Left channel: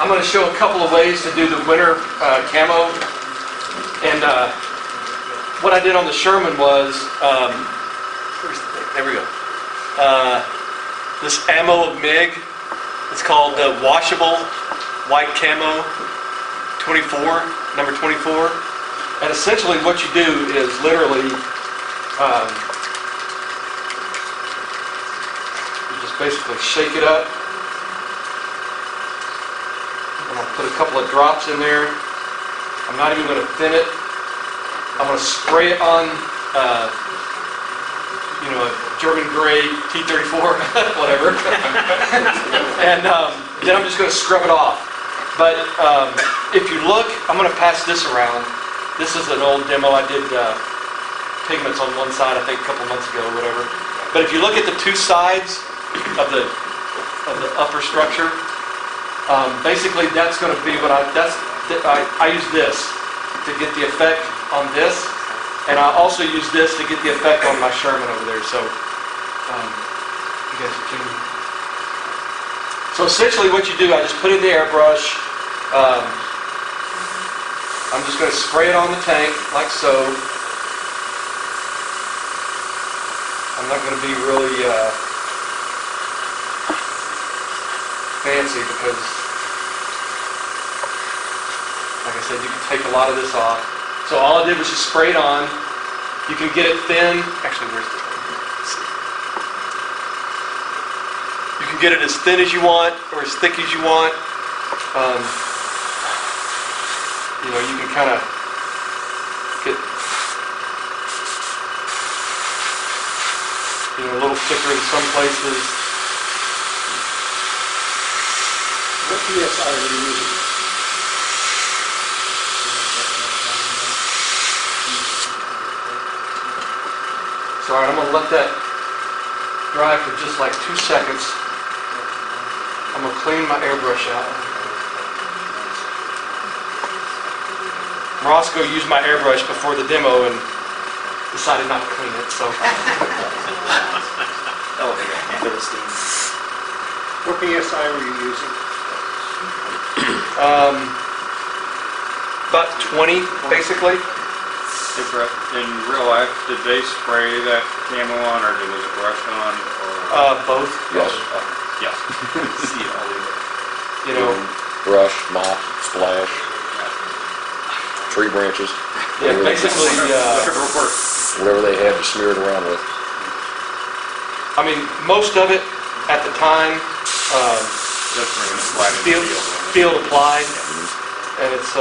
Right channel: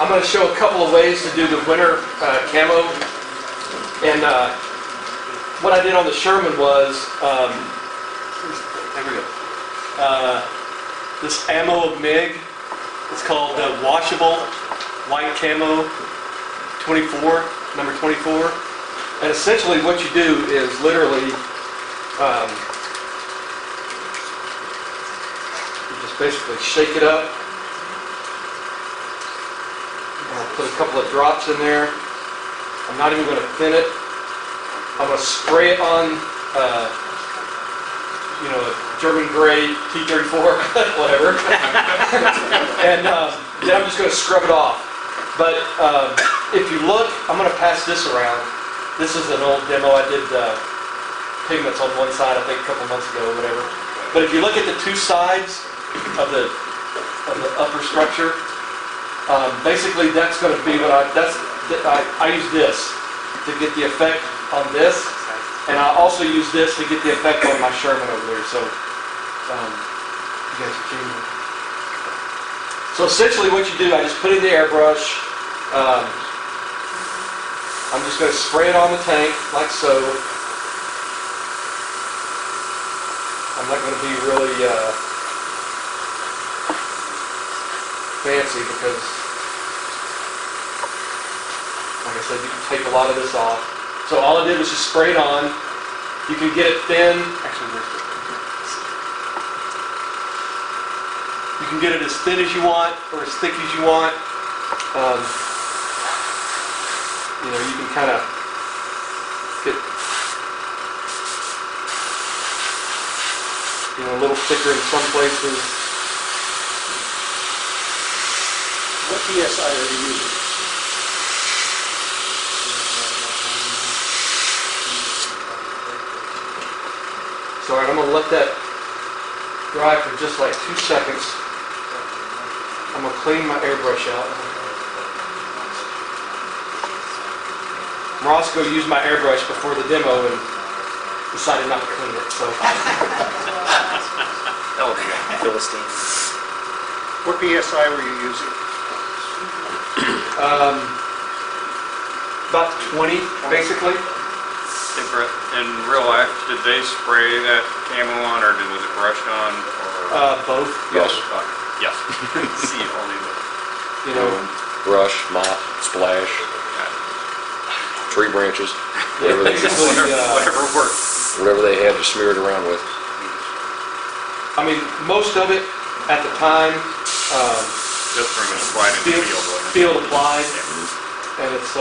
I'm going to show a couple of ways to do the winter camo. And what I did on the Sherman was, there we go. This ammo of MIG. It's called the washable white camo 24, number 24. And essentially what you do is literally, you just basically shake it up. I'm going to put a couple of drops in there. I'm not even going to thin it. I'm going to spray it on, a German gray T-34, whatever. And then I'm just going to scrub it off. But if you look, I'm going to pass this around. This is an old demo. I did pigments on one side, I think, a couple months ago or whatever. But if you look at the two sides of the upper structure, basically that's going to be what I use this to get the effect on this, and I also use this to get the effect on my Sherman over there. So you guys are tuning in. So essentially what you do, I just put in the airbrush. I'm just going to spray it on the tank like so. I'm not going to be really fancy because, like I said, you can take a lot of this off. So all I did was just spray it on. You can get it thin. Actually, where's the... You can get it as thin as you want or as thick as you want. You can kind of get a little thicker in some places. What PSI are you using? So, all right, I'm going to let that dry for just like 2 seconds. I'm going to clean my airbrush out. Roscoe used my airbrush before the demo and decided not to clean it, so. What PSI were you using? About 20, basically. In real life, did they spray that camo on, or was it brushed on? Both. Yes. Yes. See, I'll leave it. Brush, mop, splash, tree branches, Yeah, basically, whatever they had to smear it around with. I mean, most of it at the time, field applied, and it's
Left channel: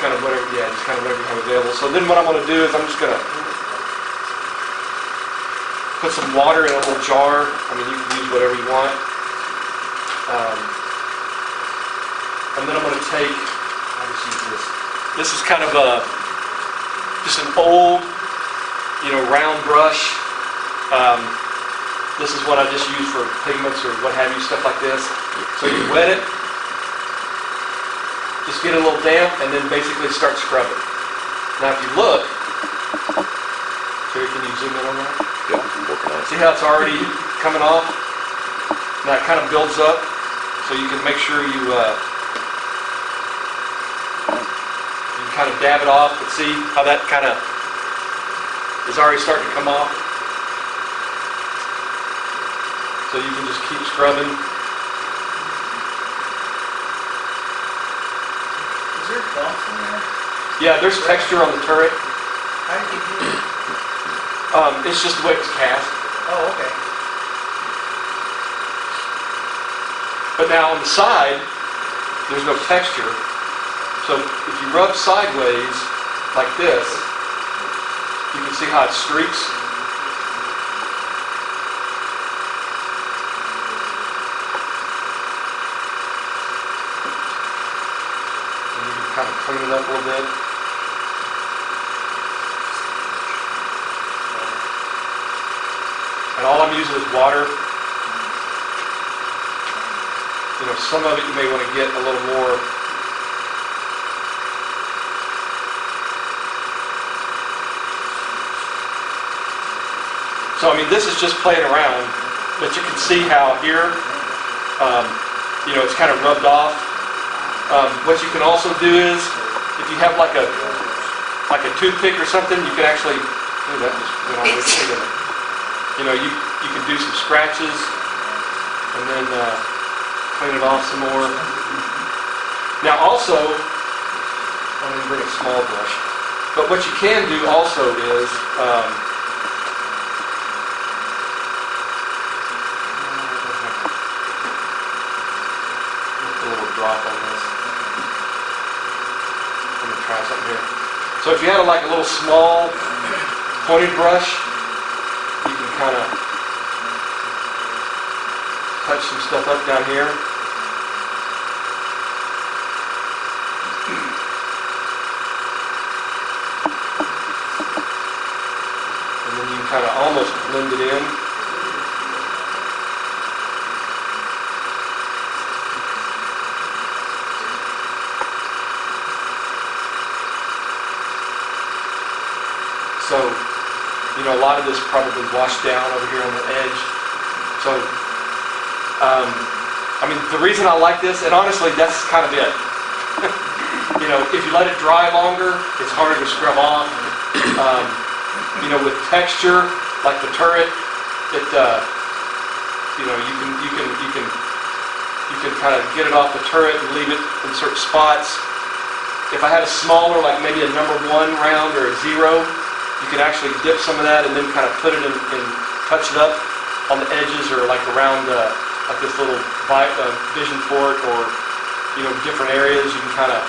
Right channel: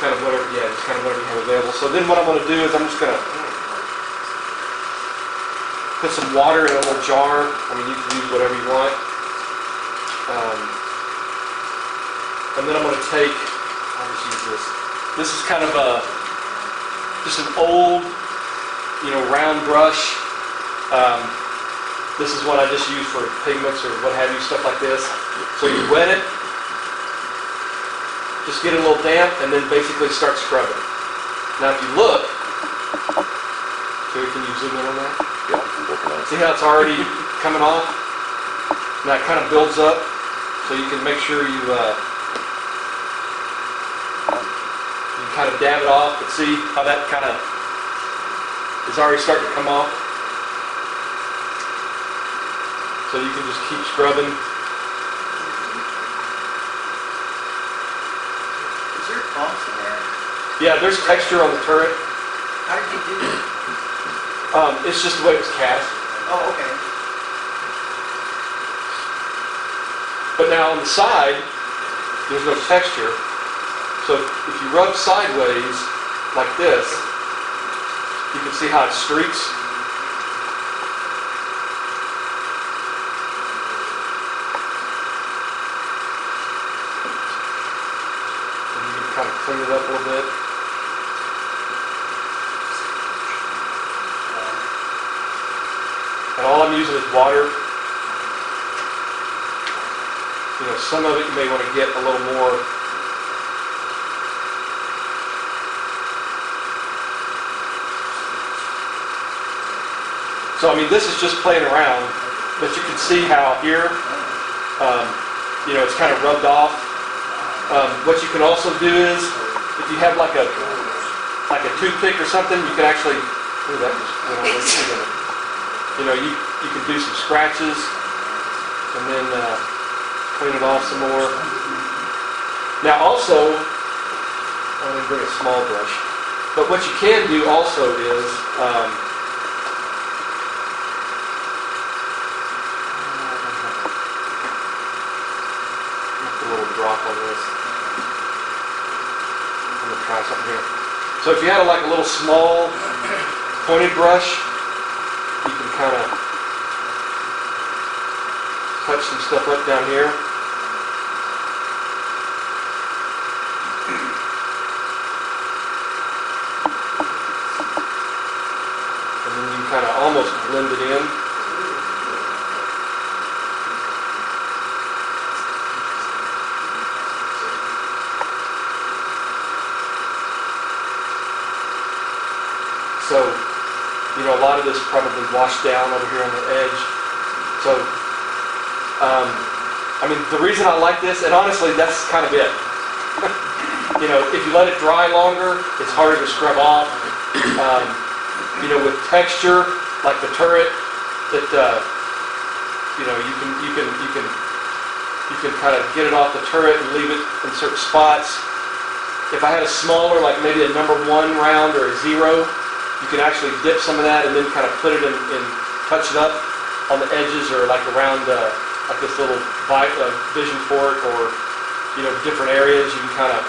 kind of whatever, just kind of whatever you have available. So then what I'm going to do is I'm just going to put some water in a little jar. I mean, you can use whatever you want. And then I'm going to take, I'll just use this. This is kind of just an old, round brush. This is what I just use for pigments or what have you, stuff like this. So you wet it, just get it a little damp, and then basically start scrubbing. Now if you look, Terry, can you zoom in on that? Yep, working on it. See how it's already coming off? Now it kind of builds up, so you can make sure you can kind of dab it off, but see how that kind of is already starting to come off? So you can just keep scrubbing. Is there bumps in there? Yeah, there's texture on the turret. How did you do it? It's just the way it was cast. Oh, okay. But now on the side, there's no texture. So if you rub sideways like this, you can see how it streaks. And you can kind of clean it up a little bit. And all I'm using is water. Some of it you may want to get a little more. So I mean, this is just playing around, but you can see how here It's kind of rubbed off. What you can also do is, if you have like a toothpick or something, you can actually, ooh, that just went all the way through, didn't it? You can do some scratches and then clean it off some more. Now also, I didn't bring a small brush, but what you can do also is, put a little drop on this. I'm going to try something here. So if you had like a little small pointed brush, you can kind of touch some stuff up down here. And then you can kind of almost blend it in. So, a lot of this probably washed down over here on the edge. So, the reason I like this, and honestly, that's kind of it. If you let it dry longer, it's harder to scrub off. With texture, like the turret, you can kind of get it off the turret and leave it in certain spots. If I had a smaller, like maybe a number 1 round or a 0, you can actually dip some of that and then kind of put it in touch it up on the edges or like around like this little vision port or different areas. You can kind of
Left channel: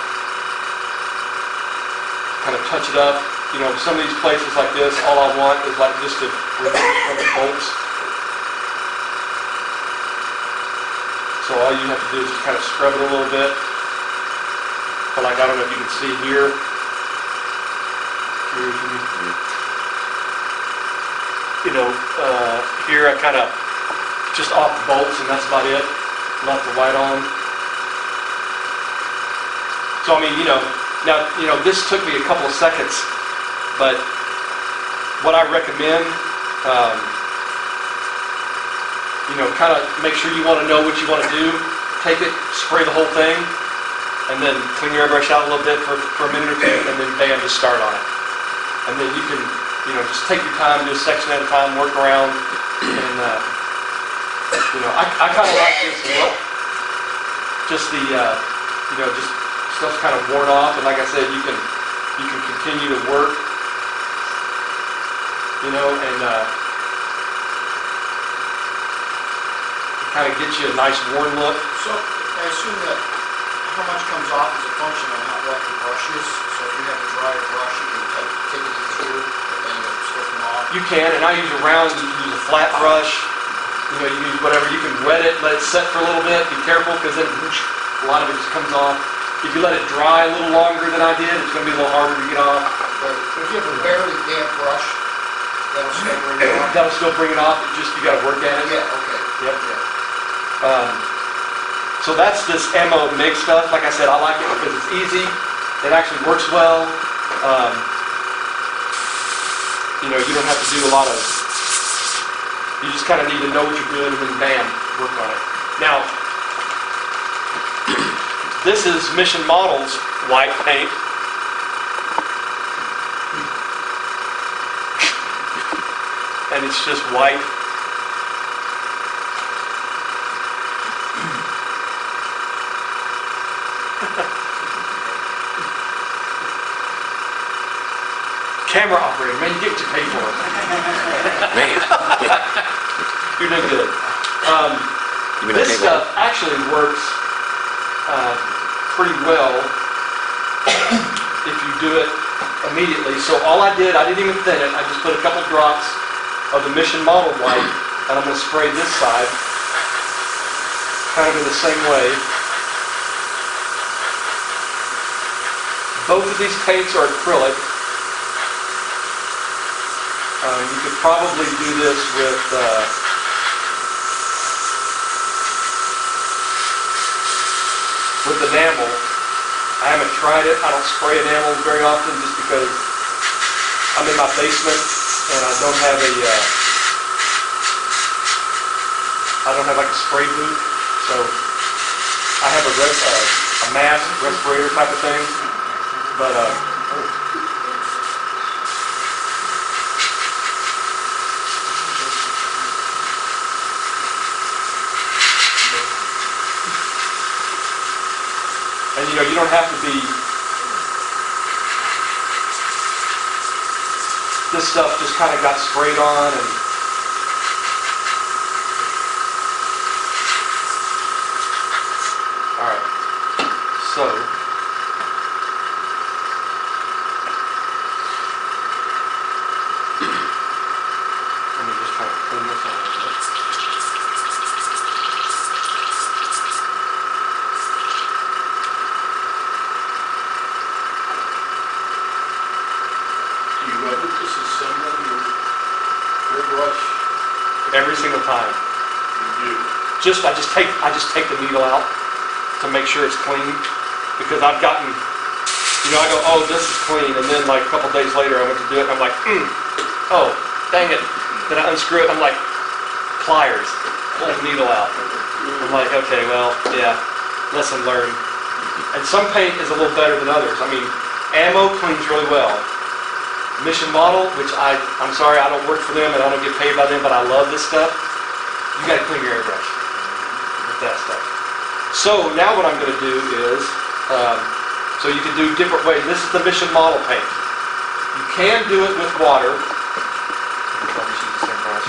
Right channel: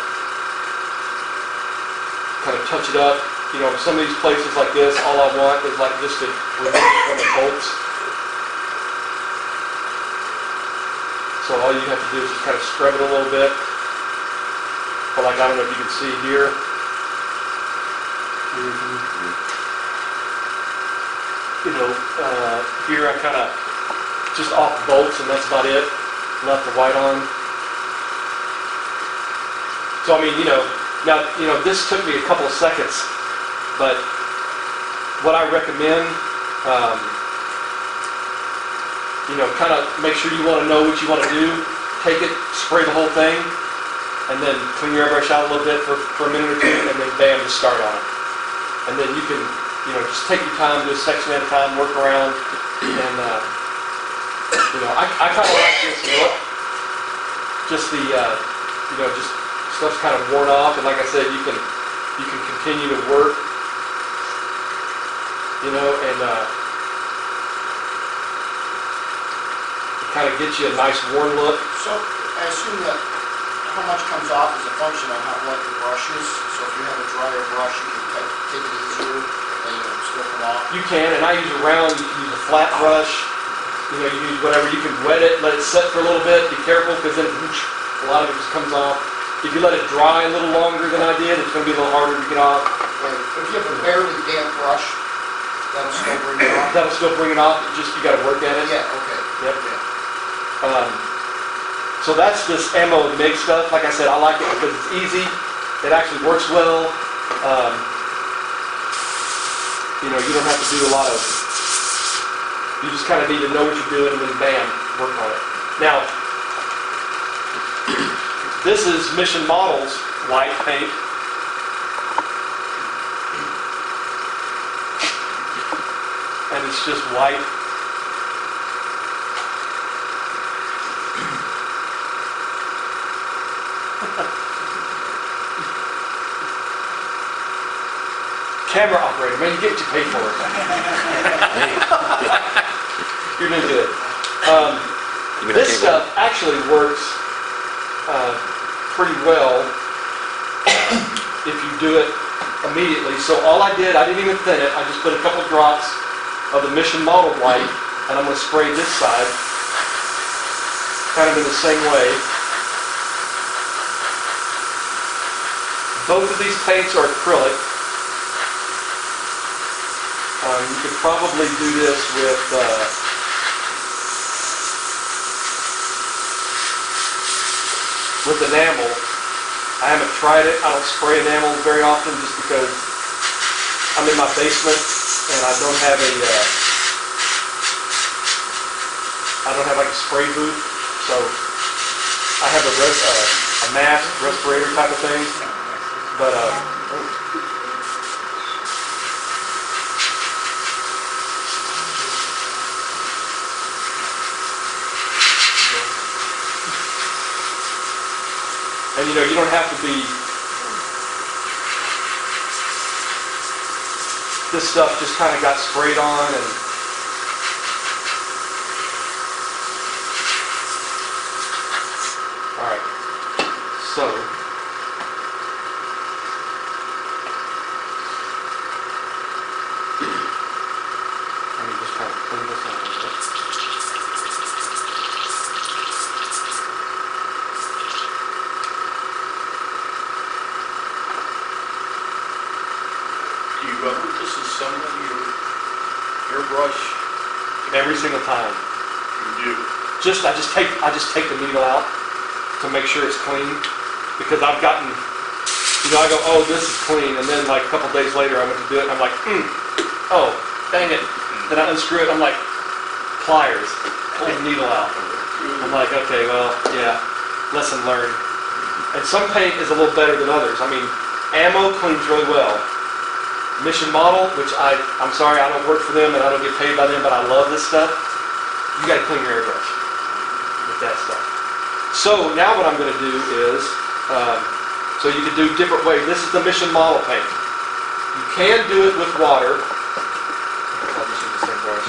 touch it up. Some of these places like this, all I want is like just to remove it from the bolts. So all you have to do is just kind of scrub it a little bit. But like, I don't know if you can see here. Here I kind of just off the bolts, and that's about it. Left the white on. So now this took me a couple of seconds, but what I recommend, kind of make sure you want to know what you want to do. Take it, spray the whole thing, and then clean your airbrush out a little bit for a minute or two, and then bam, just start on it. And then you can, just take your time, do a section at a time, work around, and I kind of like this look. Just the, just stuff's kind of worn off, and like I said, you can continue to work, and it kind of gets you a nice worn look. So I assume that how much comes off is a function on how wet the brush is. So if you have a drier brush, you can take it easier and you'll still come off. You can, and I use a round. You can use a flat brush. You can use whatever. You can wet it, let it set for a little bit. Be careful, because then whoosh, a lot of it just comes off. If you let it dry a little longer than I did, it's going to be a little harder to get off. Right. But if you have a barely damp brush, that'll still bring it off. That'll still bring it off. It's just you got to work at it. Yeah. Okay. Yep. So that's this ammo MIG stuff. Like I said, I like it because it's easy. It actually works well. You don't have to do a lot of. You just kind of need to know what you're doing, and then bam, work on it. Now, this is Mission Models white paint. And it's just white. Camera operator, man, you get what you pay for. Man. You're doing good. You mean This stuff actually works pretty well if you do it immediately. So all I didn't even thin it. I just put a couple drops of the Mission Model white, and I'm going to spray this side kind of in the same way. Both of these paints are acrylic. You could probably do this with enamel. I haven't tried it. I don't spray enamel very often just because I'm in my basement and I don't have like a spray booth. So I have a mask, respirator type of thing, but and you don't have to be. This stuff just kind of got sprayed on and. All right, so let me just kind of clean this out a little bit. Do you ever disassemble your brush? Every single time. You do. I just take the needle out to make sure it's clean, because I've gotten, I go, oh, this is clean, and then like a couple days later I went to do it and I'm like, oh, dang it. Then I unscrew it, I'm like, pliers, pull the needle out. I'm like, okay, well, yeah, lesson learned. And some paint is a little better than others. I mean, ammo cleans really well. Mission Model, which I'm sorry, I don't work for them and I don't get paid by them, but I love this stuff. You got to clean your airbrush with that stuff. So now what I'm going to do is, so you can do different ways. This is the Mission Model paint. You can do it with water. I'll just use the same brush.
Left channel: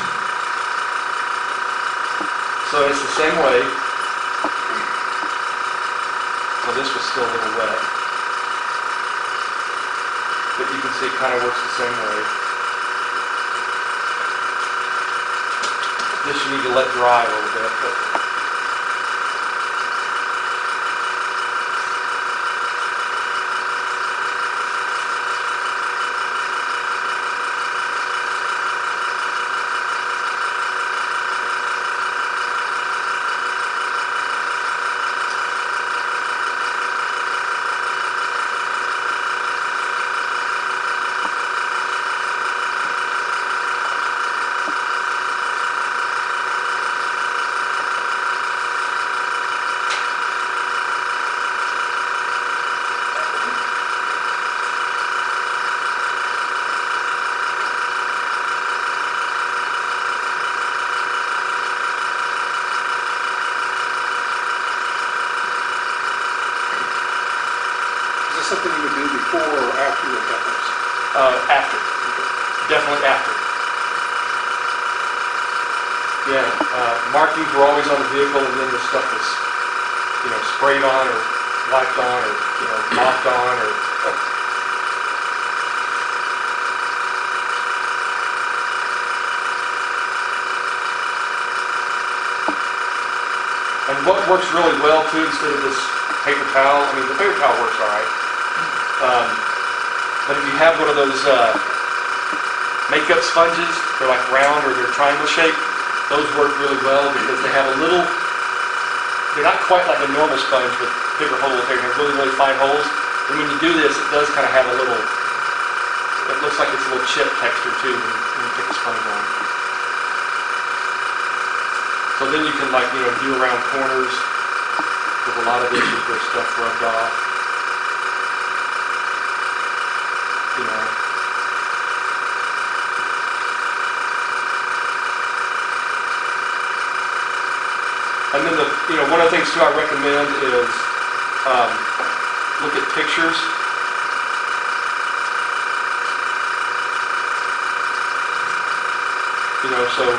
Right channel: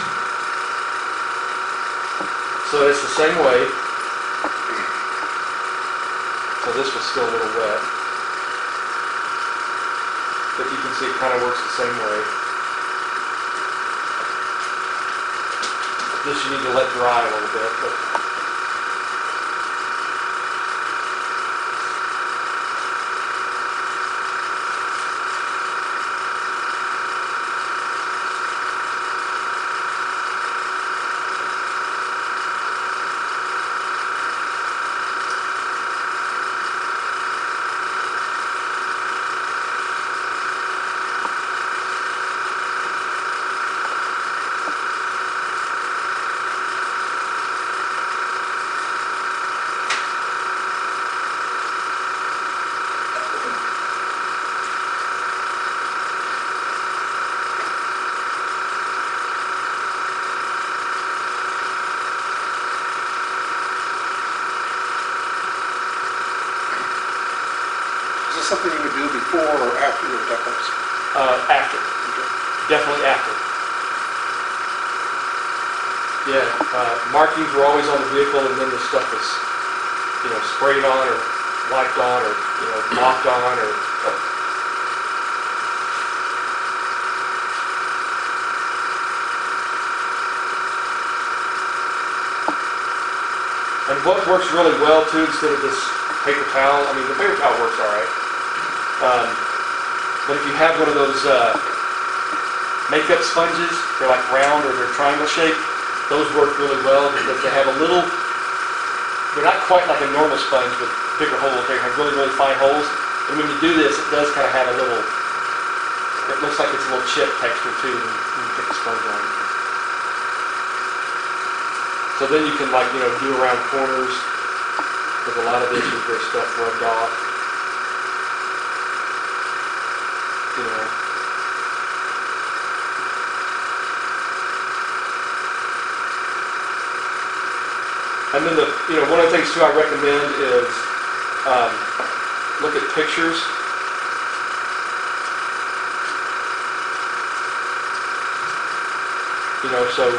So it's the same way. So this was still a little wet. But you can see it kind of works the same way. This you need to let dry a little bit. But Something you do before or after your efforts? after. Definitely after. Yeah, markings were always on the vehicle, and then the stuff was, sprayed on or wiped on or, mopped on or... And what works really well, too, instead of this paper towel, I mean, the paper towel works all right. But if you have one of those makeup sponges, they're like round or they're triangle shaped, those work really well because they have a little, they're not quite like a normal sponge with bigger holes. They have really, really fine holes. And when you do this, it does kind of have a little, it looks like it's a little chip texture too when you put the sponge on. So then you can do around corners, because a lot of this is where stuff rubbed off. And then one of the things too I recommend is look at pictures. So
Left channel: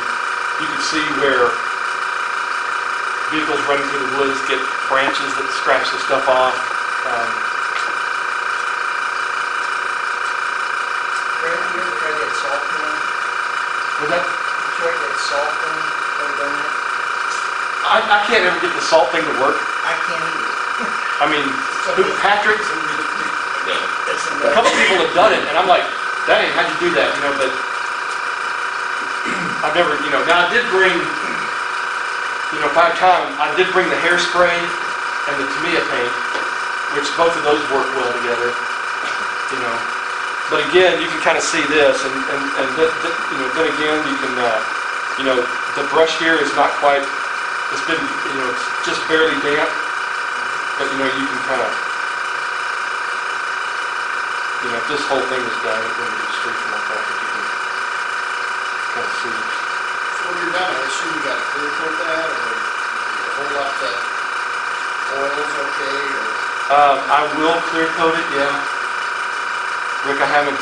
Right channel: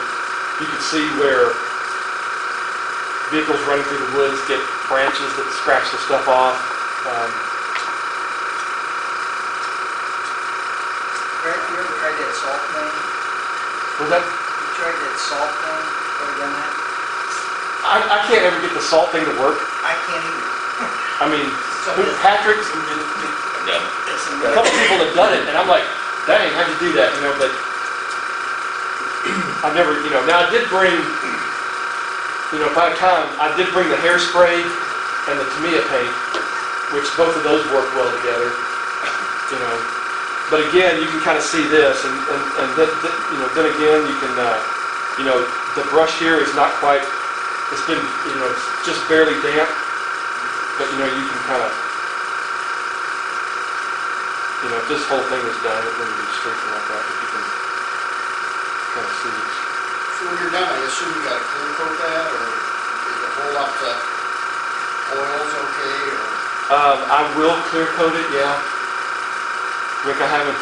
you can see where vehicles running through the woods get branches that scratch the stuff off. You ever try to get salt done? Was that? You try to get salt done? Ever done that? I can't ever get the salt thing to work. I can't either. I mean, Patrick, a couple people have done it, and I'm like, dang, how'd you do that? But I've never, now I did bring, if I have time, I did bring the hairspray and the Tamiya paint, which both of those work well together, But again, you can kind of see this, and then again, you can, the brush here is not quite It's been, it's just barely damp, but you can kind of, if this whole thing was done, it wouldn't be streaking like that, but you can kind of see. So when you're done, I assume you gotta clear coat that, or you hold up the oils okay, or? I will clear coat it, yeah. Rick, I haven't,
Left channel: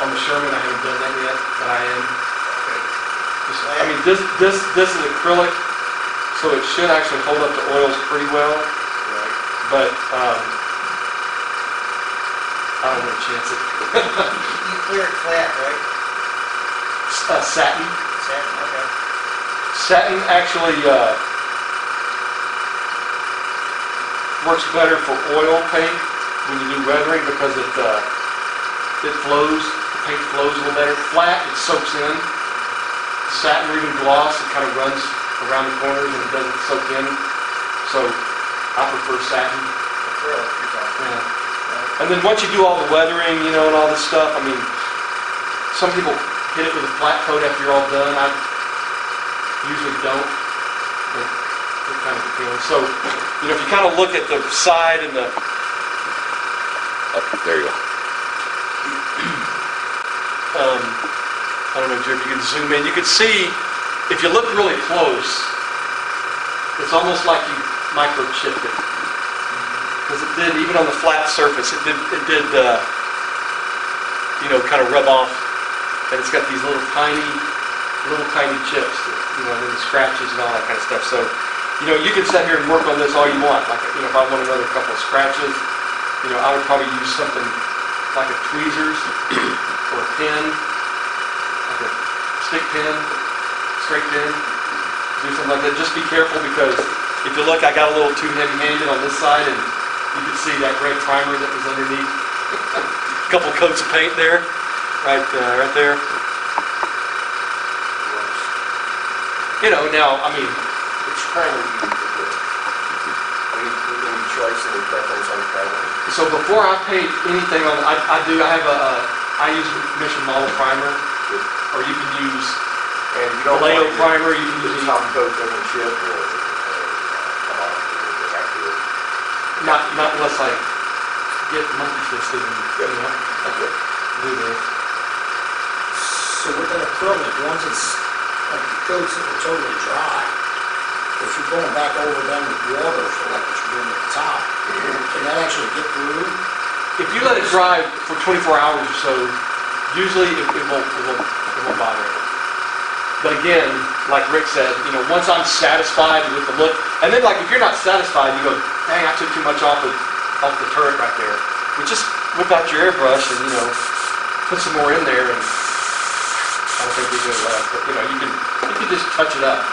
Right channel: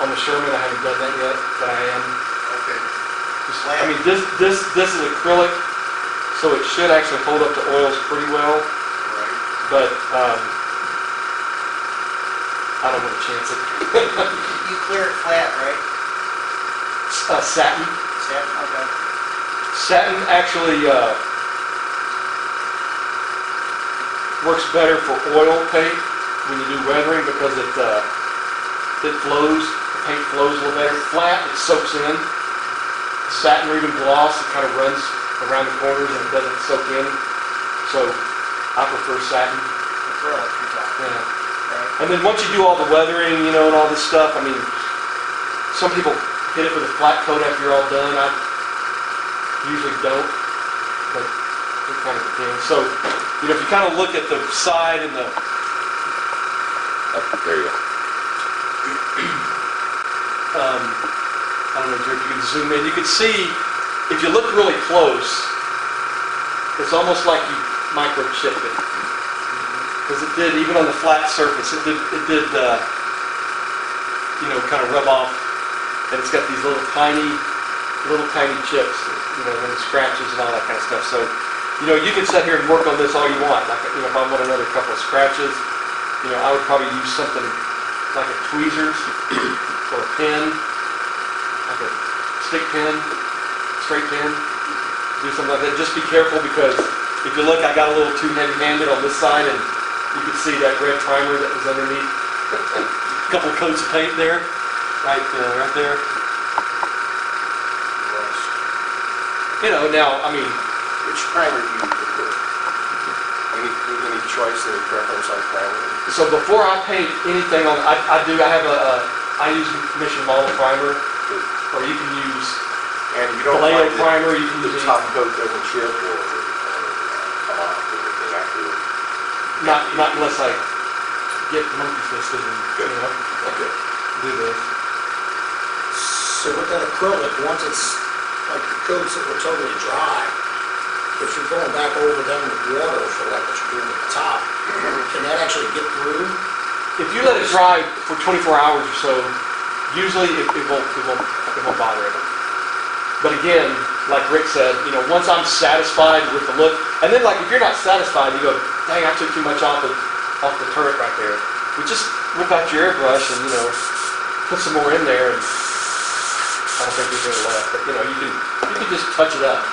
on the Sherman, I haven't done that yet, but I am. Okay. This is acrylic, so it should actually hold up to oils pretty well, Right. but I don't want to chance it. You clear it flat, right? Satin. Okay. Satin actually works better for oil paint when you do weathering because it flows. The paint flows a little better. Flat, it soaks in. Satin or even gloss, it kind of runs around the corners and it doesn't soak in. So I prefer satin. Acrylic, you're talking. Yeah. Right. And then once you do all the weathering, and all this stuff, some people hit it with a flat coat after you're all done. I usually don't, but it kind of depends. So, if you kind of look at the side and the, There you go. I don't know, Jerry, if you can zoom in, you can see, if you look really close, it's almost like you microchipped it. Because it did, even on the flat surface, it did kind of rub off. And it's got these little tiny chips, and the scratches and all that kind of stuff. So, you can sit here and work on this all you want. Like, if I want another couple of scratches, I would probably use something like a tweezers or a pen, like a stick pen, straight pen. Do something like that. Just be careful because if you look, I got a little too heavy-handed on this side, and you can see that red primer that was underneath. A couple coats of paint there, right there. Now, Which primer do you prefer? Any choice, any preference on primer? so before I paint anything on, I use Mission Model primer, or you can use And you don't Vallejo find that primer, you can use the any, top coat doesn't chip or come off or anything afterward? not unless I get monkey fisted and, do this. So with that acrylic, once it's like the coats that are totally dry, if you're going back over them with water for like what you're doing at the top, can that actually get through? If you let it dry for 24 hours or so, usually it won't bother it. But again, like Rick said, once I'm satisfied with the look, and then like if you're not satisfied, you go, dang, I took too much off the turret right there. We just whip out your airbrush and put some more in there, and I don't think there's any left. But you can just touch it up,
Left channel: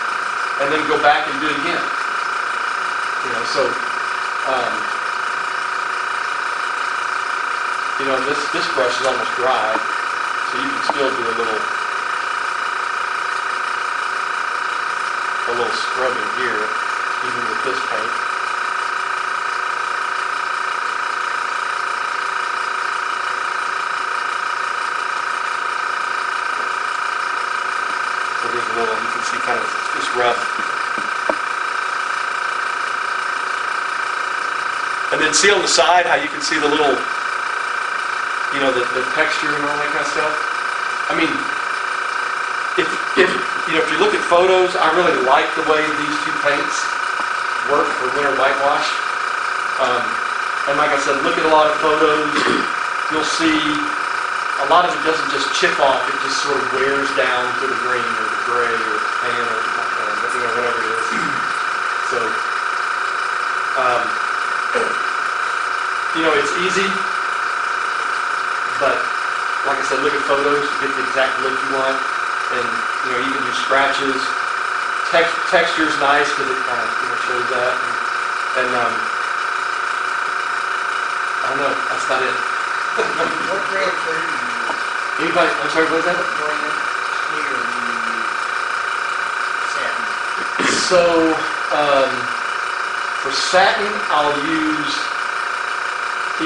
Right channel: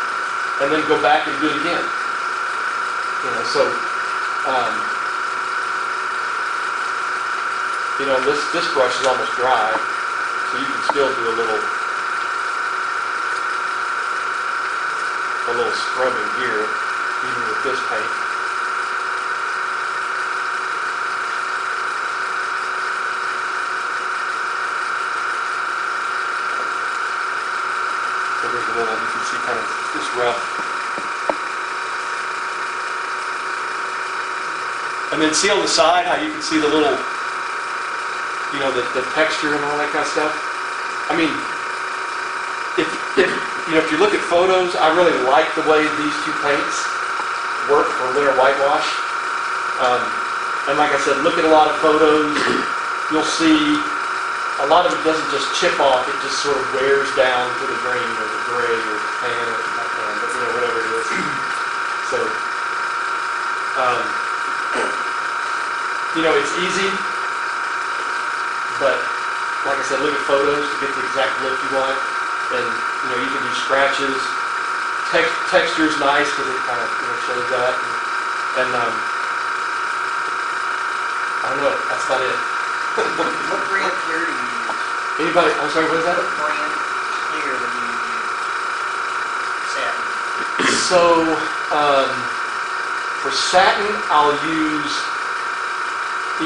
and then go back and do it again. So. This brush is almost dry, so you can still do a little scrubbing here, even with this paint. So there's a little, you can see kind of just rough. And then see on the side how you can see the little, the texture and all that kind of stuff. If you look at photos, I really like the way these two paints work for winter whitewash. And like I said, look at a lot of photos, you'll see a lot of it doesn't just chip off, it just sort of wears down to the green or the gray or the tan or not tan, but whatever it is. So, it's easy. But, like I said, look at photos to get the exact look you want. And, you can do scratches. Texture's nice because it kind of shows that. And I don't know, that's about it. What brand clear do you use? Anybody, I'm sorry, what is that? What brand clear do you use? Satin. So, for satin, I'll use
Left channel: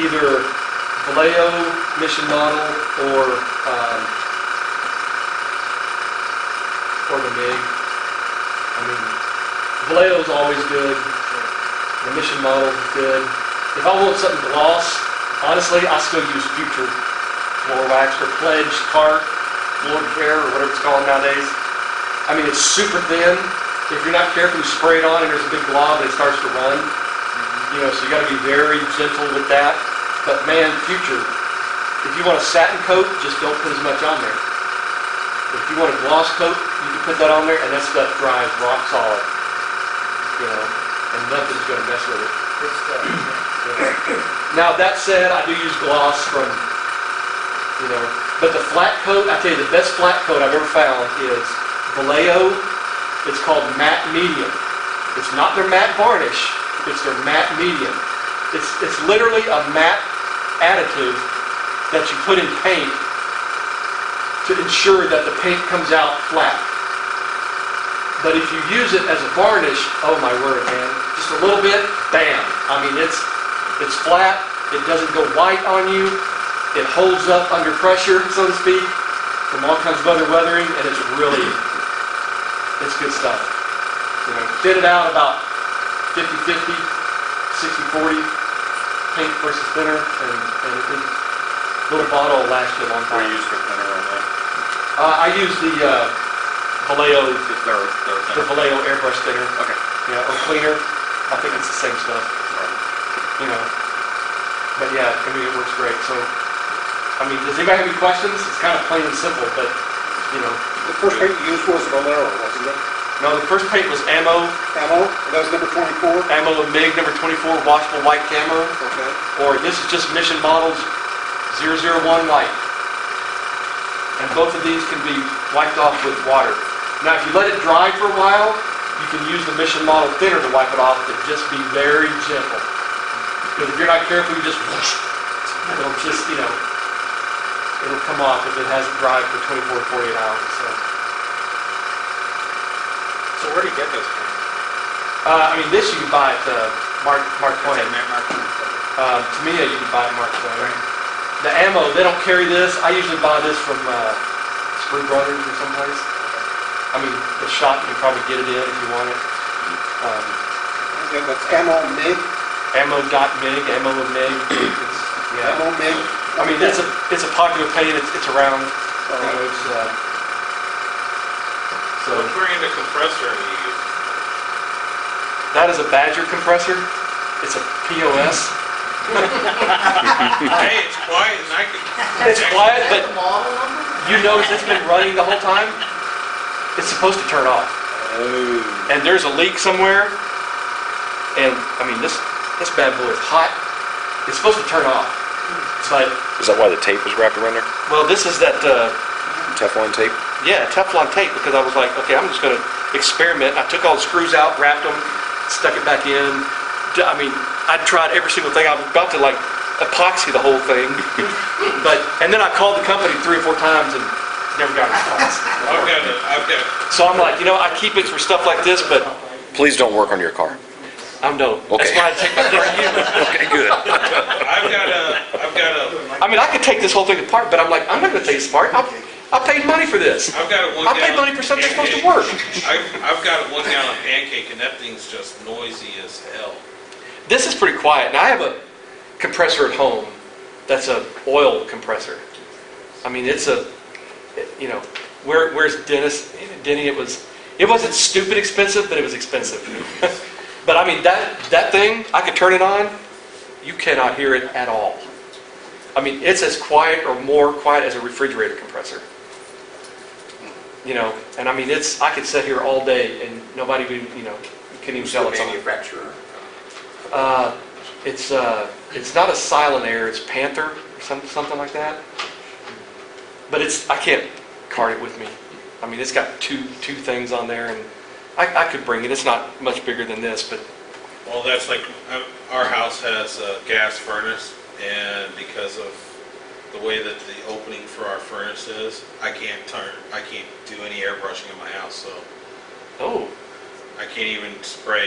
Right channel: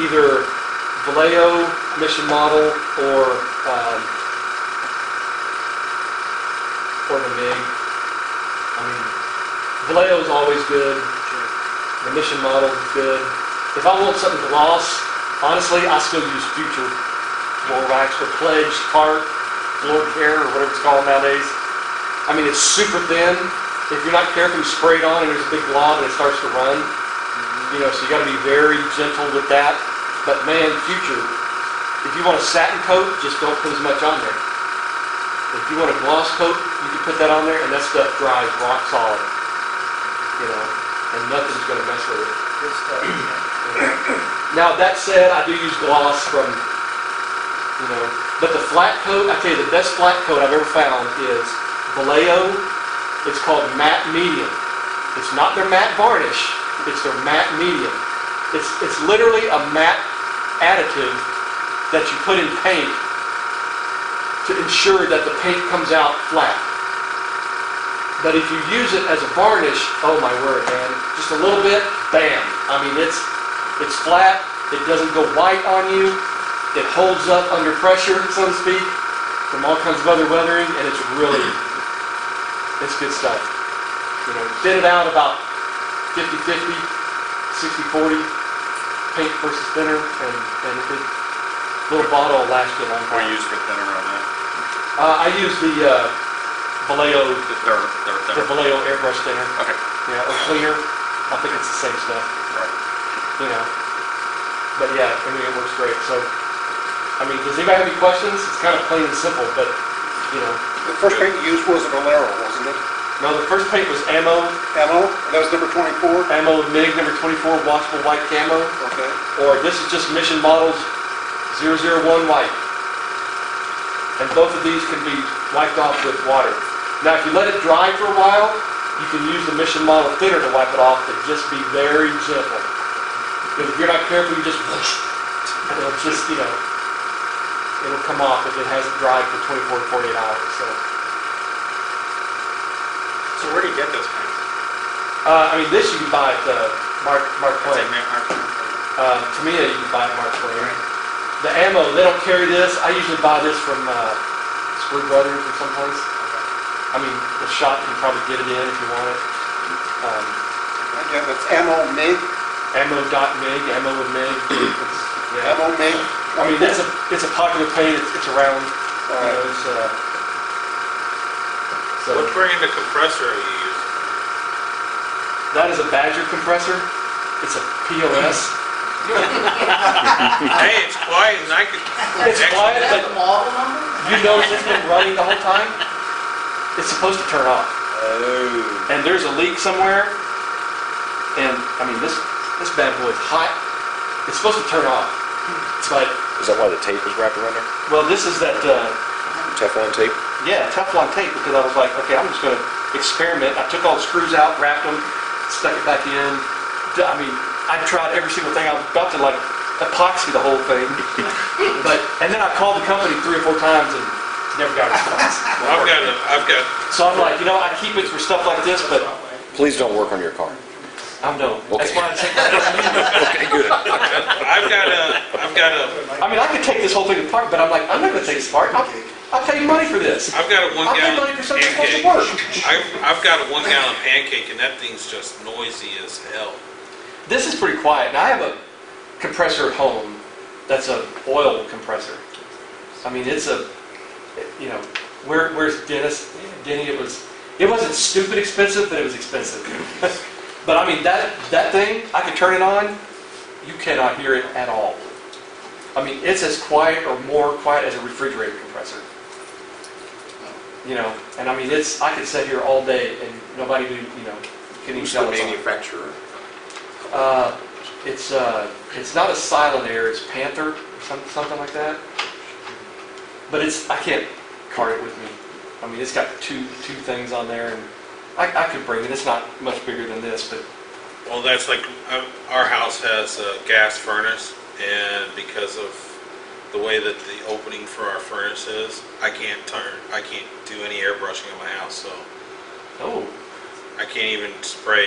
either Vallejo Mission Model or the MIG. Vallejo's always good. The Mission Model is good. If I want something gloss, honestly, I still use Future floor wax or Pledge Cart Floor Care or whatever it's called nowadays. I mean, it's super thin. If you're not careful, you spray it on and there's a big glob and it starts to run. You know, so you got to be very gentle with that. But man, Future, if you want a satin coat, just don't put as much on there. If you want a gloss coat, you can put that on there and that stuff dries rock solid. You know, and nothing's going to mess with it. Good stuff. You know. Now that said, I do use gloss from, you know, but the flat coat, I tell you, the best flat coat I've ever found is Vallejo. It's called matte medium. It's not their matte varnish, it's their matte medium. It's literally a matte additive that you put in paint to ensure that the paint comes out flat. But if you use it as a varnish, oh my word, man, just a little bit, bam. I mean, it's flat, it doesn't go white on you, it holds up under pressure, so to speak, from all kinds of other weathering, and it's good stuff. You know, thin it out about 50-50, 60-40, paint versus thinner, and a good little bottle will last you a long I time. use the thinner right now. I use the Vallejo, It's their the thinner. Vallejo airbrush thinner, Okay. yeah, or cleaner. I think it's the same stuff, you know. But yeah, I mean, it works great. So, I mean, does anybody have any questions? It's kind of plain and simple, but, you know. The first paint you used was a Vallejo, wasn't it? No, the first paint was Ammo, Camo, that was number 24? Ammo of MiG number 24, washable white camo, Okay. or this is just Mission Models 001 white. And both of these can be wiped off with water. Now, if you let it dry for a while, you can use the Mission Model thinner to wipe it off, but just be very gentle. Because if you're not careful, you just whoosh, and it'll just, you know, it'll come off if it hasn't dried for 24 to 48 hours. So where do you get those paints? I mean, this you can buy at Mark Twain. Tamiya, you can buy at Mark Twain. The ammo, they don't carry this. I usually buy this from Screw Brothers or someplace. I mean, the shop can probably get it in if you want it. That's Camo MiG? Ammo.mig, Ammo of MiG. Yeah. Camo MiG? I mean, it's a popular paint. It's around. You know, it's so What brand of compressor are you using? that is a Badger compressor. It's a POS. Hey, it's quiet and I can... It's quiet, but The model number? you notice it's been running the whole time. It's supposed to turn off. Oh. And there's a leak somewhere, and I mean this bad boy is hot. It's supposed to turn off, but Is that why the tape was wrapped around there? well, this is that Teflon tape? yeah, Teflon tape, because I was like, okay, I'm just going to experiment. I took all the screws out, wrapped them, stuck it back in. I mean, I tried every single thing. I was about to like epoxy the whole thing, and then I called the company 3 or 4 times and never got a response. I've got, So I'm like, you know, I keep it for stuff like this, but Please don't work on your car. I'm no. That's Okay. why I take my car to you. Okay, good. I've got a, I mean, I could take this whole thing apart, but I'm like, I'm not going to take this apart. I paid money for this. I've got a 1 I gallon paid money for something that's supposed to pancake. work. I've got a 1 gallon pancake and that thing's just noisy as hell. This is pretty quiet. Now I have a compressor at home that's a oil compressor. I mean, it's a, you know, where's Dennis? Denny, it wasn't stupid expensive, but it was expensive. But I mean, that thing, I could turn it on, you cannot hear it at all. I mean, it's as quiet or more quiet as a refrigerator compressor. You know, and I mean, I could sit here all day and nobody would, you know, couldn't even Who's tell the it's on. manufacturer? It's not a Silent Air, it's Panther or something like that. But I can't cart it with me. I mean, it's got two things on there, and I could bring it. It's not much bigger than this, but Well, that's like, our house has a gas furnace, and because of the way that the opening for our furnace is, I can't do any airbrushing on my house, so oh, I can't even spray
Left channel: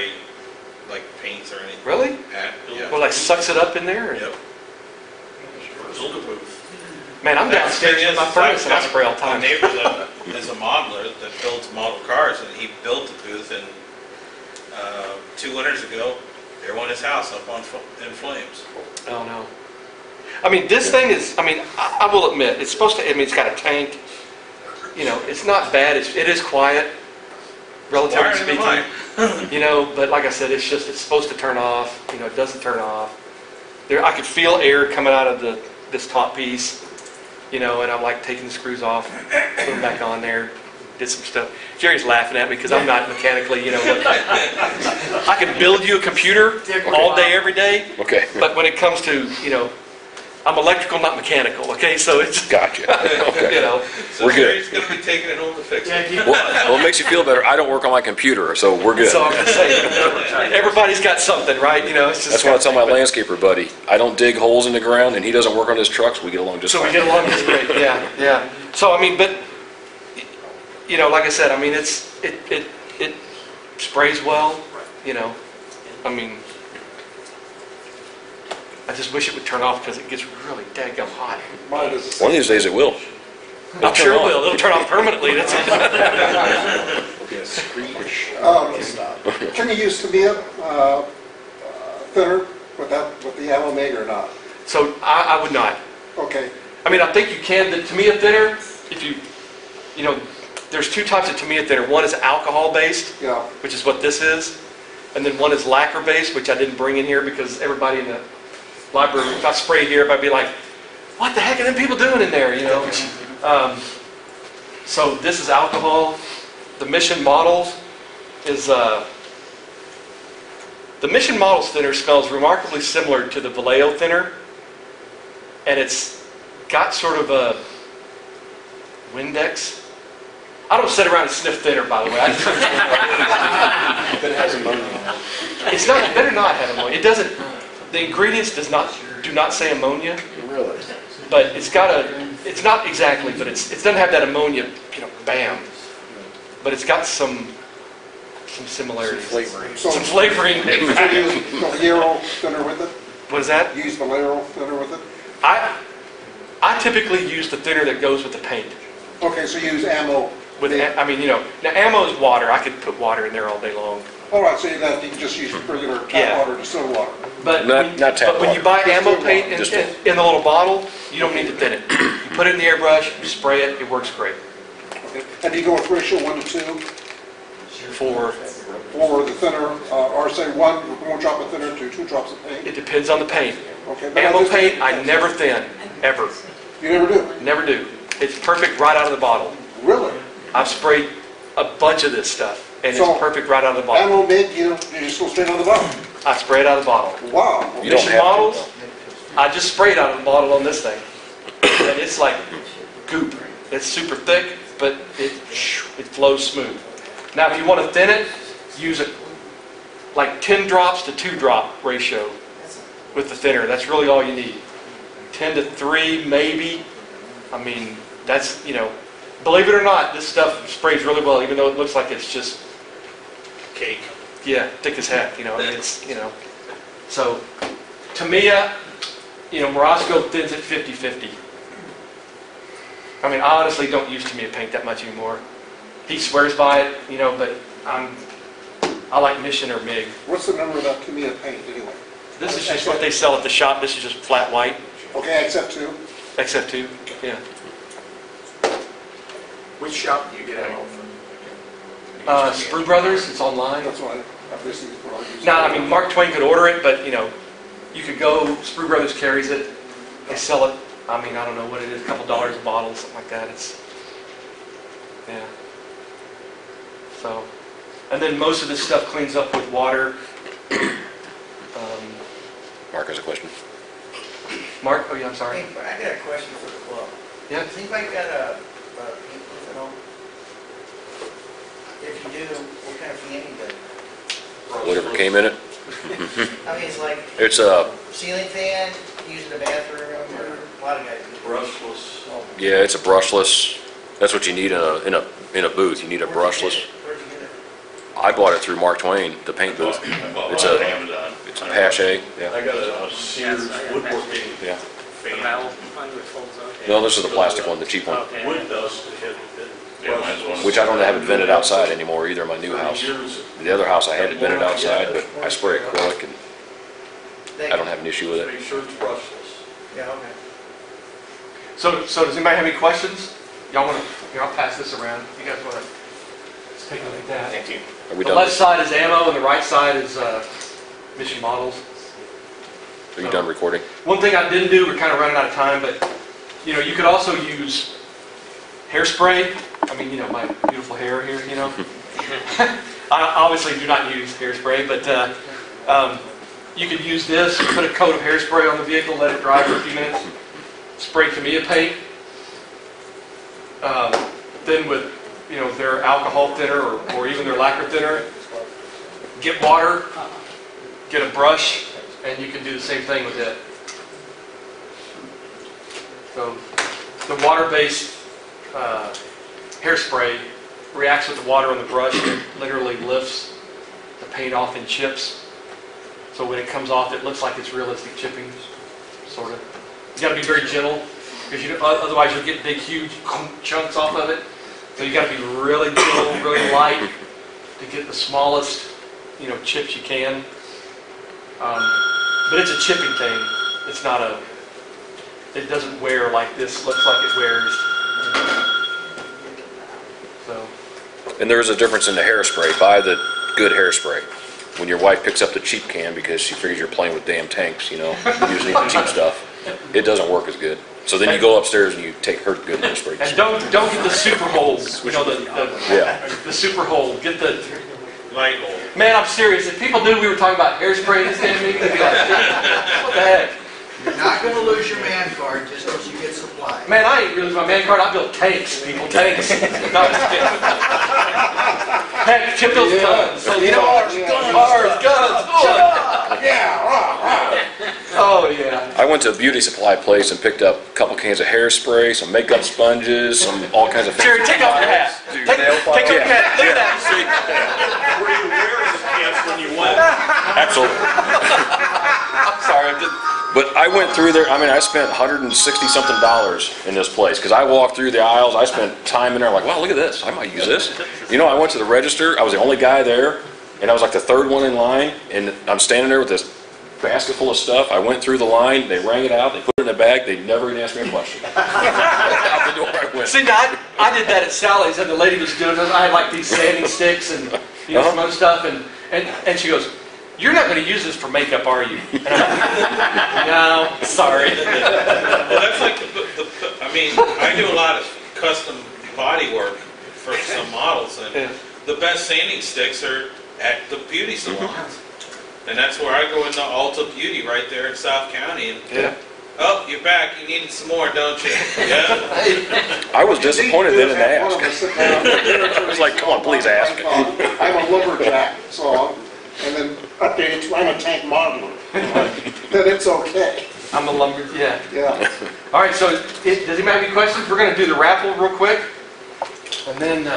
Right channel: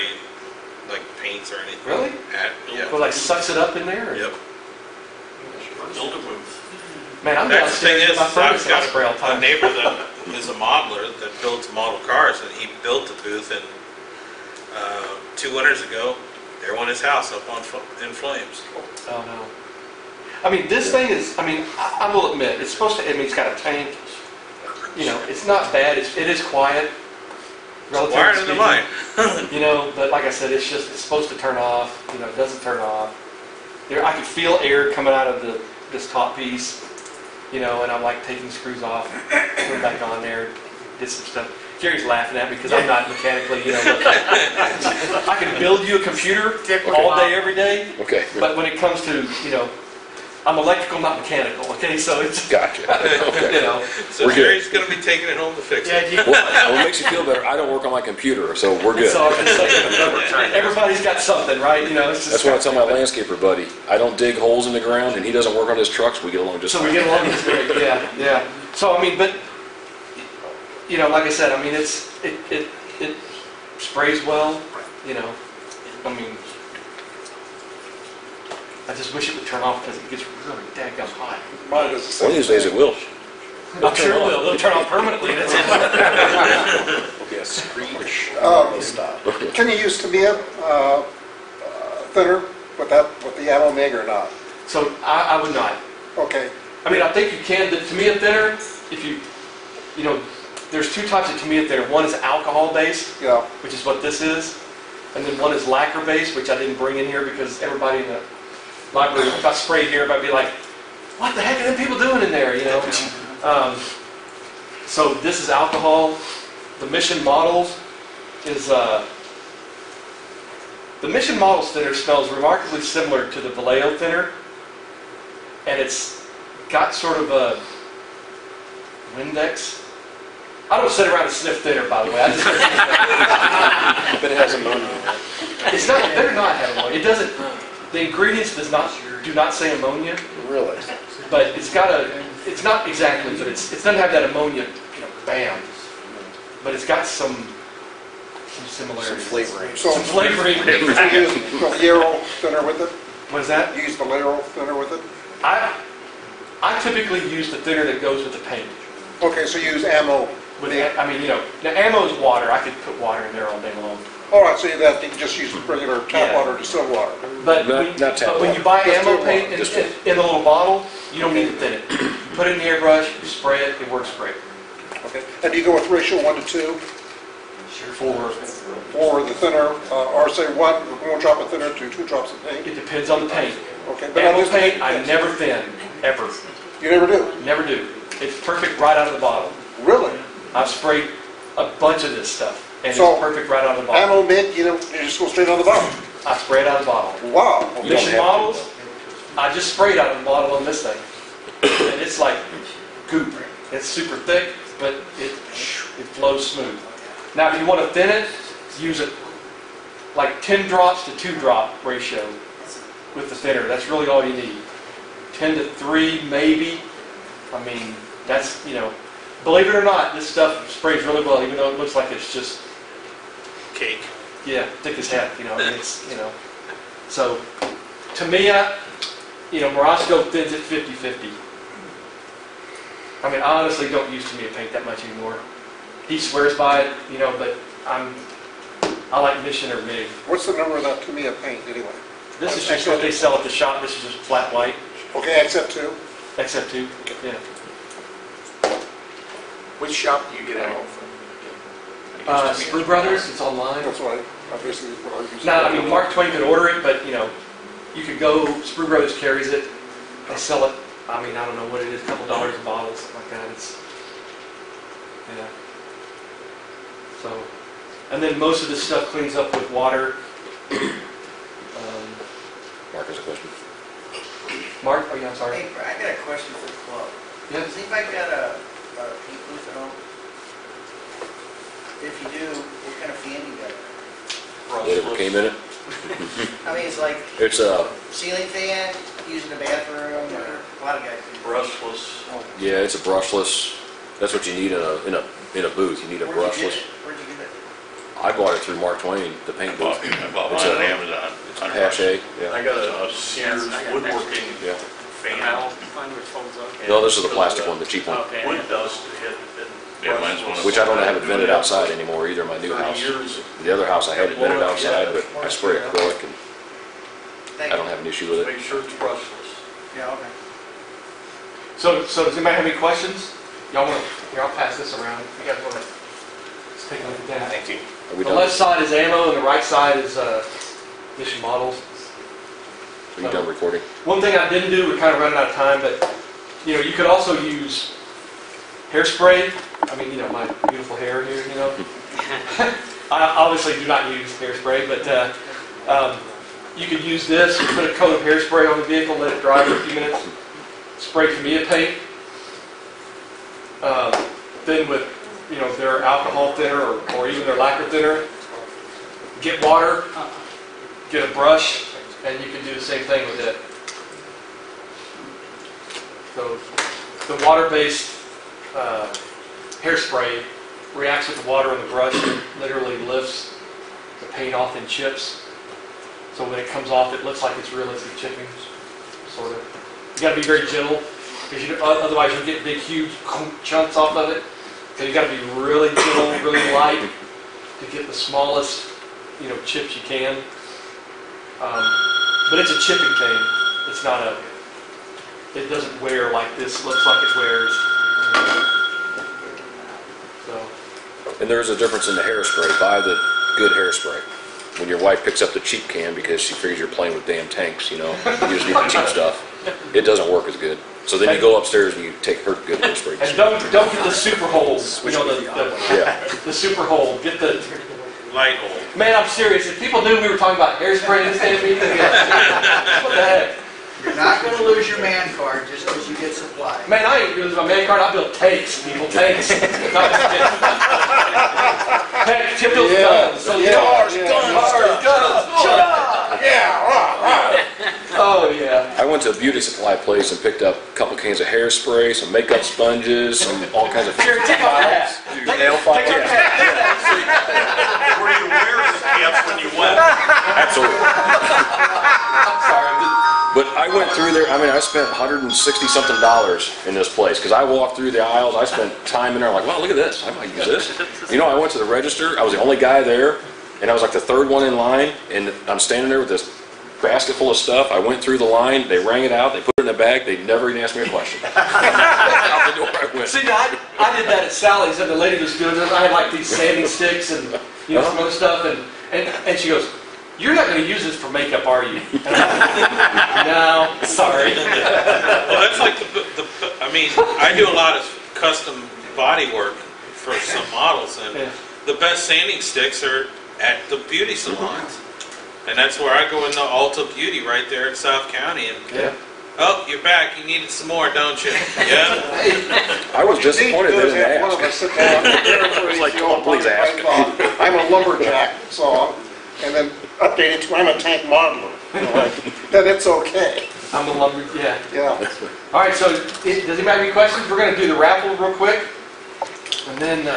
like paints or anything. really? Yeah. Well, like sucks it up in there. Yep. Man, I'm That's the downstairs thing with my is, furnace and I I've got spray all the A time. neighbor that is a modeler that builds model cars, and he built a booth, and 2 winters ago, there went his house up in flames. Oh, no. I mean, this thing is, I mean, I will admit, it's supposed to, I mean, it's got a tank. You know, it's not bad. It is quiet, relatively Wiring the speaking. line. You know, but like I said, it's supposed to turn off. You know, it doesn't turn off. I could feel air coming out of this top piece. You know, and I'm like taking the screws off, putting them back on there, did some stuff. Jerry's laughing at me because I'm not mechanically, you know, I can build you a computer all day, every day. Okay. But when it comes to, you know, I'm electrical, not mechanical, okay? So it's, Gotcha. Okay. you know. So We're good. Jerry's going to be taking it home to fix it. Well, it makes you feel better. I don't work on my computer, so we're good. So I'm just saying, everybody's got something, right? You know, it's just That's what I tell my landscaper buddy. I don't dig holes in the ground, and he doesn't work on his trucks. We get along just So we fine. get along just great, yeah. So I mean, but you know, like I said, I mean, it sprays well, you know. I mean, I just wish it would turn off because it gets really daggum hot. One of these days it will. I'm sure it will. It'll turn off permanently. That's Can you use Tamiya thinner with the ammo MIG or not? So I would not. Okay. I mean, I think you can. The Tamiya thinner, if you know, there's two types of Tamiya thinner. One is alcohol-based, Yeah. which is what this is, and then one is lacquer-based, which I didn't bring in here because everybody in the library, if I spray here, everybody would be like, what the heck are them people doing in there, you know? So this is alcohol. The Mission Models is, the Mission Models thinner smells remarkably similar to the Vallejo thinner, and it's got sort of a Windex. I don't sit around and sniff thinner, by the way. I just But it has ammonia. It's not, it better not have ammonia. It doesn't, the ingredients do not say ammonia, Really? but it's got it's not exactly, but it doesn't have that ammonia, you know, bam. But it's got some similarities. Some flavoring. So you use the Vallejo thinner with it? What is that? Use the Vallejo thinner with it? I typically use the thinner that goes with the paint. Okay, so you use ammo. I mean, you know, now ammo is water. I could put water in there all day long. All right, so you can just use regular tap Yeah. water or distilled water. But Not tap when you water. buy ammo paint Just in the little bottle, you don't need to thin it. You put it in the airbrush, you spray it, it works great. Okay. And do you go with ratio 1 to 2 For for the thinner, or say one drop of thinner to 2 drops of paint? it depends on the paint. Okay. but Ammo just- paint, I never thin, ever. You never do? Never do. It's perfect right out of the bottle. Really? I've sprayed a bunch of this stuff, and So, it's perfect right out of the bottle. Ammo MIG, you just go straight on the bottom? I spray it out of the bottle. Wow. You don't Mission have to. Models, I just sprayed out of the bottle on this thing. And it's like goop. It's super thick, but it flows smooth. Now, if you want to thin it, use it like 10 drops to 2 drop ratio with the thinner. That's really all you need. 10 to 3, maybe. I mean, that's, you know, believe it or not, this stuff sprays really well, even though it looks like it's just, Cake. yeah, thick as heck, you know, I mean, it's, you know. So, Tamiya, you know, Morosco thins it 50-50. I mean, I honestly don't use Tamiya paint that much anymore. He swears by it, you know, but I like Mission or MIG. What's the number of that Tamiya paint anyway? This is just what they sell at the shop. This is just flat white, Okay, except 2? except 2, yeah. Which shop do you get ammo from? Sprue Brothers, it's online. That's what I obviously. Now, I mean, Mark Twain could order it, but, you know, you could go, Sprue Brothers carries it. They sell it, I mean, I don't know what it is, a couple dollars a bottle, something like that. It's, yeah. So, and then most of this stuff cleans up with water. Mark has a question. Mark, oh yeah, I'm sorry. Hey, I got a question for the club. Yeah. Has anybody got a heat booth at home? If you do, what kind of fan do you got? Whatever came in it. I mean, it's like It's a ceiling fan, used in the bathroom, or a lot of guys do. Brushless. yeah, it's a brushless. That's what you need in a booth. You need a brushless. Where'd you get it? I bought it through Mark Twain, the paint booth. It's a it's a Pache. Yeah, I got a Sears woodworking yeah. The metal one which folds up. No, this is the plastic one, the cheap one. Okay. wood dust. which I don't have it vented outside anymore either in my new house. The other house I had it vented outside, but I spray acrylic and I don't have an issue with it. Yeah, okay. So does anybody have any questions? Y'all want to? Here, I'll pass this around. You guys want to? Let's take a look at that. Thank you. Are we The done? left side is ammo, and the right side is mission models. Are you done recording? One thing I didn't do, we're kind of running out of time, but you could also use hairspray. I mean, my beautiful hair here, I obviously do not use hairspray, but you could use this, put a coat of hairspray on the vehicle, let it dry for a few minutes, spray Camilla paint. Then with, their alcohol thinner or even their lacquer thinner, get water, get a brush, and you can do the same thing with it. So the water-based hairspray reacts with the water on the brush and literally lifts the paint off in chips. So when it comes off, it looks like it's realistic chipping, sort of. You got to be very gentle, because otherwise you'll get big, huge chunks off of it. So you got to be really gentle, really light to get the smallest, chips you can. But it's a chipping thing. It's not it doesn't wear like this looks like it wears. So. And there is a difference in the hairspray. Buy the good hairspray. When your wife picks up the cheap can because she figures you're playing with damn tanks, you just need the cheap stuff. It doesn't work as good. So then you go upstairs and you take her good hairspray. And don't get the super hold. The super hold. Get the Light hole. Man, I'm serious. If people knew we were talking about hairspray in this damn meeting, they'd be like, what the heck? You're not going to lose your man card just because you get supplied. Man, I ain't losing my man card. I build tanks, people. Tanks. No, I'm just kidding. Heck, Chip builds guns. So, cars, guns. Oh, yeah. I went to a beauty supply place and picked up a couple cans of hairspray, some makeup sponges, all kinds of things. Jerry, take off your hat. Take off your hat. Look at that. Were you wearing pants when you went? Absolutely. I'm sorry. But I went through there, I spent $160-something in this place, because I walked through the aisles, I spent time in there, I'm like, wow, look at this, I might use this. I went to the register, I was the only guy there, and I was like the third one in line, and I'm standing there with this basket full of stuff. I went through the line, they rang it out, they put it in a bag, they never even asked me a question. Out the door I went. See, now, I did that at Sally's, and the lady was doing this. I had like these sanding sticks and some other stuff, and she goes, "You're not going to use this for makeup, are you?" And I'm like, "No, sorry." Well, that's like I do a lot of custom body work for some models, and the best sanding sticks are at the beauty salons. And that's where I go into Ulta Beauty right there in South County. And oh, you're back. You needed some more, don't you? Yeah. I was disappointed they didn't ask. I was like, come on, please ask. I'm a lumberjack, and then updated, I'm a tank modeler. Then it's okay. I'm a Yeah. All right, so does anybody have any questions? We're going to do the raffle real quick. And then